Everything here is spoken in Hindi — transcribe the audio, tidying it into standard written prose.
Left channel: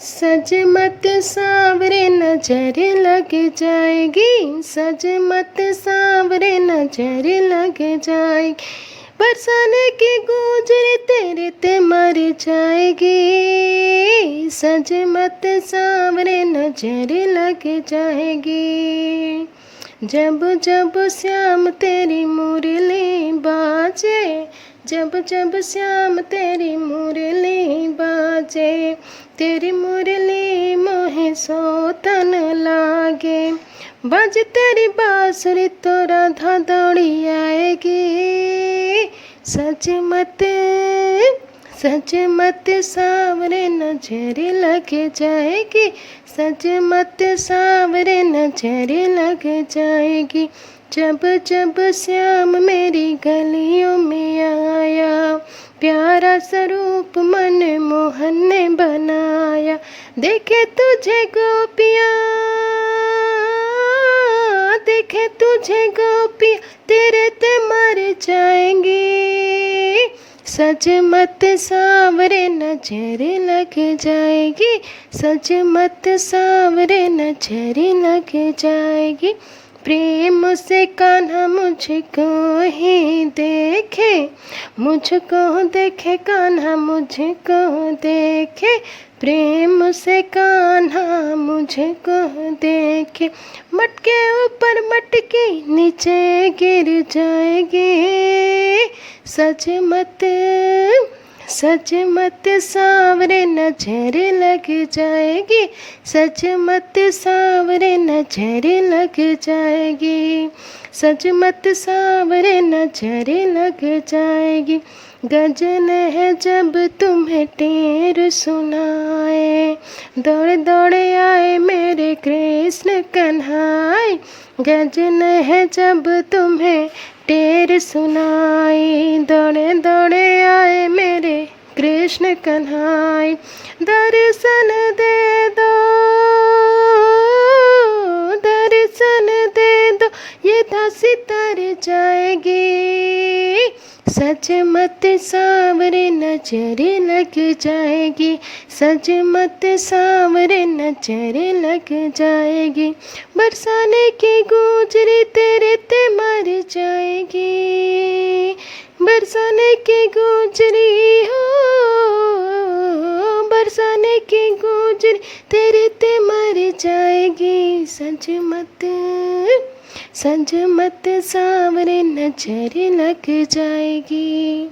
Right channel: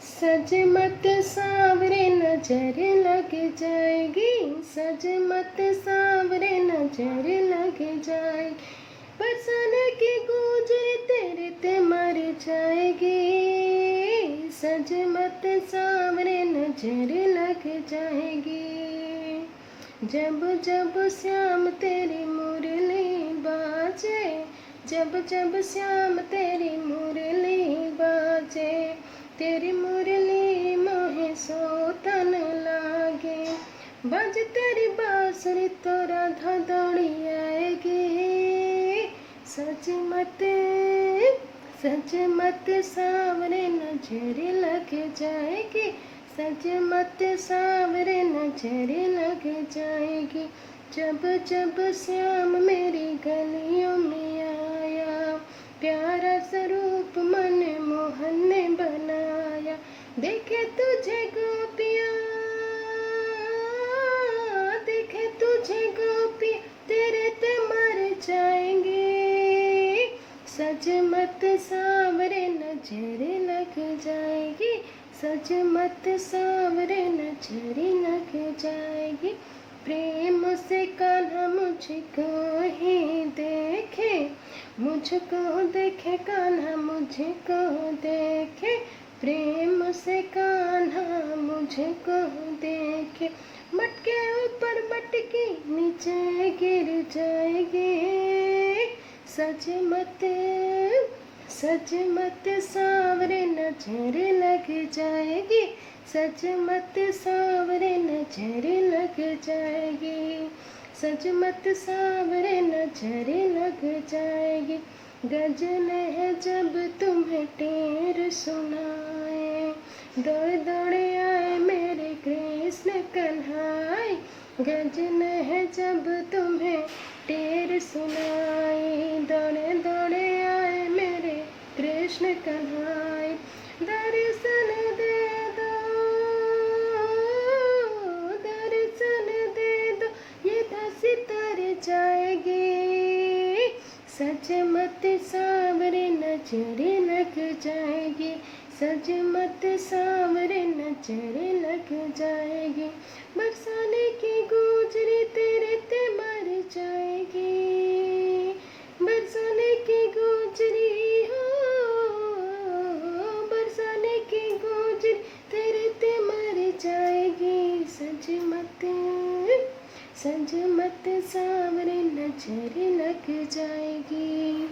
सज मत सांवरे नजर लग जाएगी, सज मत सांवरे नजर लग जाएगी, बरसाने की गुजरी तेरे ते मर जाएगी। सज मत सांवरे नजर लग जाएगी। जब जब श्याम तेरी मुरली बाजे, जब जब श्याम तेरी मुरली बाजे, तेरी मुरली मोहे सोतन लागे। बज तेरी बांसुरी तो राधा दौड़ी आएगी। सज मत सांवरे नजर लग जाएगी, सज मत सांवरे नजर लग जाएगी। जब जब श्याम मेरी गलियों में आया, प्यारा स्वरूप मन मोहन ने बनाया। देखे तुझे गोपियाँ, देखे तुझे गोपियाँ, तेरे ते मर जाएंगी। सज मत सांवरे नजर लग जाएगी, सज मत सांवरे नजर लग जाएगी। प्रेम से कान्हा मुझको ही देखे, मुझको देखे कान्हा मुझको देखे, प्रेम से कान्हा मुझको देखे। मटके ऊपर मटकी नीचे गिर जाएगी। सज मत सांवरे नजर लग जाएगी, सज मत सांवरे नजर लग जाएगी, सज मत सांवरे नजर लग जाएगी। गजन है जब तुम्हें टेर सुनाए, दौड़ दौड़ आए मेरे कृष्ण कन्हाई। गजन है जब तुम्हें टेर सुनाई, दौड़े दौड़े आए मेरे कृष्ण कन्हाई। दर्शन दे दो, दर्शन दे दो, ये दासी तर जाएगी। सज मत सांवरे नजर लग जाएगी, सज मत सांवरे नजर लग जाएगी। बरसाने की गुजरी तेरे ते मर जाएगी, बरसाने की गुजरी हो, बरसाने की गुजरी तेरे ते मर जाएगी। सज मत सांवरे नजर लग जाएगी।